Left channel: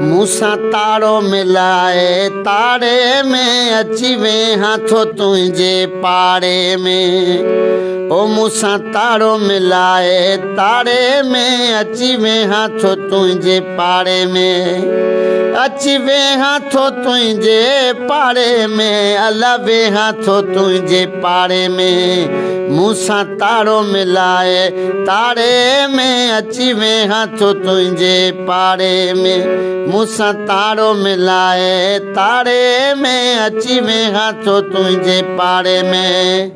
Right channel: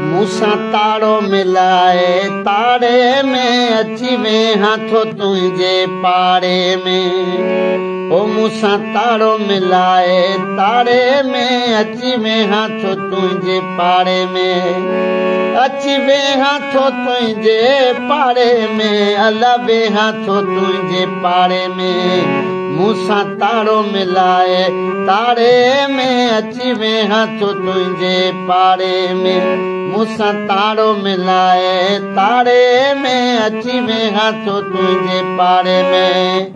मूसा तारो मिलाए तारे में अची वे हाथो तुझे पारे में। ओ मूसा तारो मिलाए तारे में अची वे हाथो तुझे पारे में। अची वे हाथो तुझे पारे में अला वे हाथो तुझे पारे में। मूसा तारो मिलाए तारे में अची वे हाथो तुझे पारे में। मूसा तारो मिलाए तारे में अची वे हाथो तुझे पारे में।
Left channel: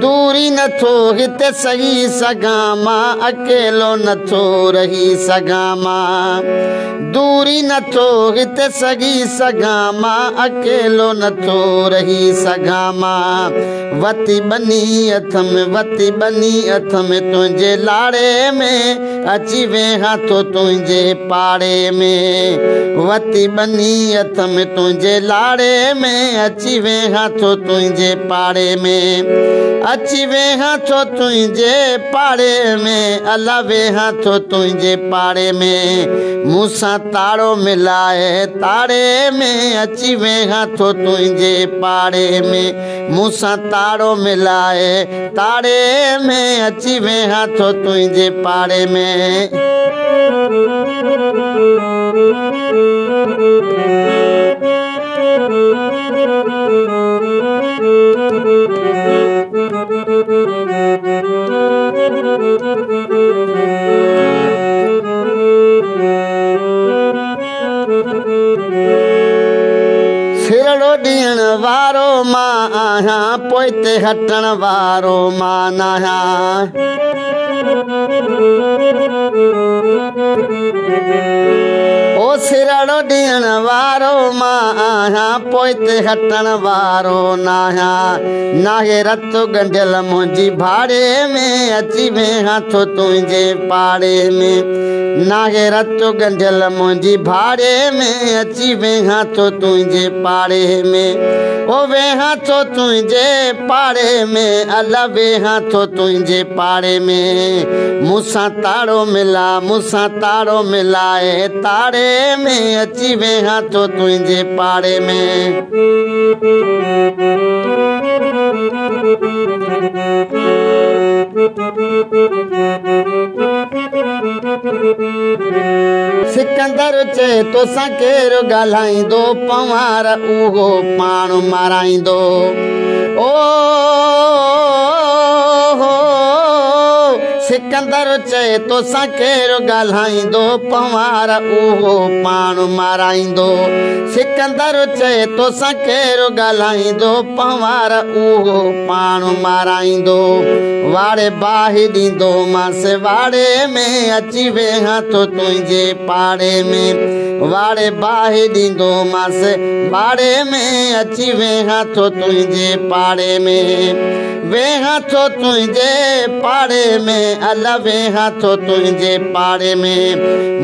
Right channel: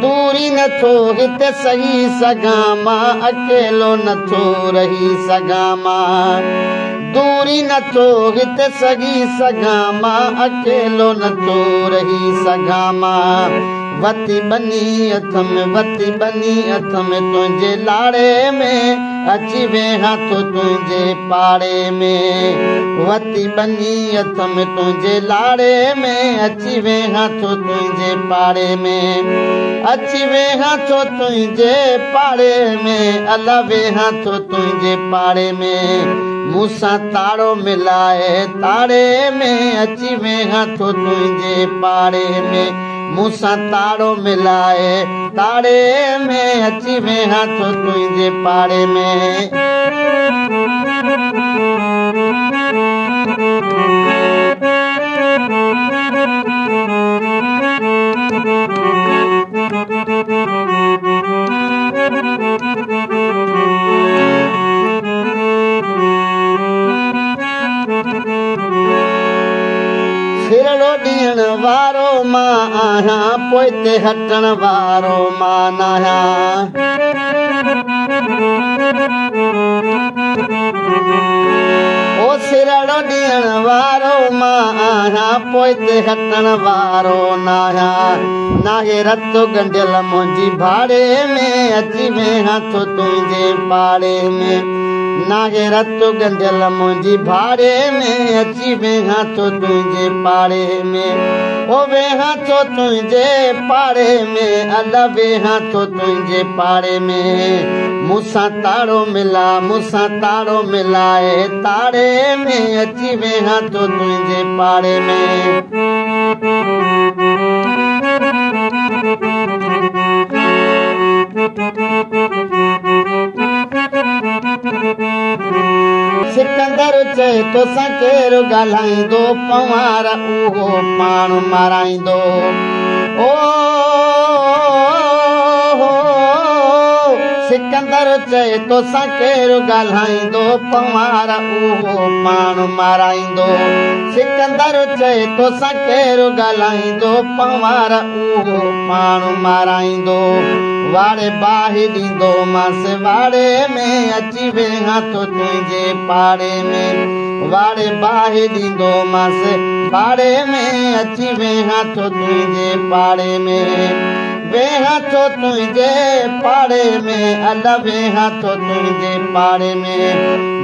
दूरी न थो हिते सही सघां मां, अकेलो न थो रही सघां मां। दूरी न थो हिते सही सघां मां, अकेलो न थो रही सघां मां। वती बनी हथ में वती बनी हथ में तुझे लाड़े में अची वे हाथो तुझे पारे में। वती बनी हथ में तुझे लाड़े में अची वे हाथो तुझे पारे में। अची वे हाथो तुझे पारे में अला वे हाथो तुझे पारे में। मूसा तारो मिलाए तारे में अची वे हाथो तुझे पारे में। मूसा तारो मिलाए तारे में अची वे हाथो तुझे पारे में। सिरड़ो ॾियण वारो मां आहियां, पोइते हटण वारो मां नाहियां। ओ सिरड़ो ॾियण वारो मां आहियां, पोइते हटण वारो नाहियां। नाहे रतो गंढियल मुंहिंजी भाड़े में अची वे हाथो तुझे पारे में। नाहे रतो गंढियल मुंहिंजी भाड़े में अची वे हाथो तुझे पारे में। ओ वे हाथो तुझे पारे में अला वे हाथो तुझे पारे में। मूसा तारो मिला मूसा तारो मिलाए तारे में अची वे हाथो तुझे पारे में। सिकंदर चए तोसां केरु ॻाल्हाईंदो, पवार उहो पाण माराईंदो। ओ सिकंदर चए तोसां केरु ॻाल्हाईंदो, पवार उहो पाण माराईंदो। सिकंदर चए तोसां केरु ॻाल्हाईंदो, पवार उहो पाण माराईंदो। वाड़े बाहि ॾींदो मांसि वाड़े में अची वे हाथो तुझे पारे में। वाड़े बाहि ॾींदो मांसि वाड़े में अची वे हाथो तुझे पारे में। वे हाथो तुझे पारे में अला वे हाथो तुझे पारे में।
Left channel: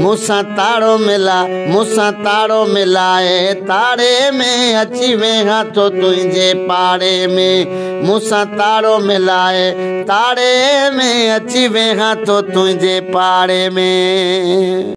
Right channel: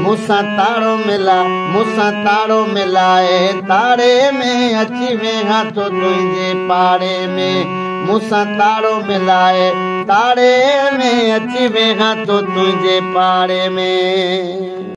मूसा तारो मिला मूसा तारो मिलाए तारे में अची वे हाथो तुझे पारे में। मूसा तारो मिलाए तारे में अची वे हाथो तुझे पारे में।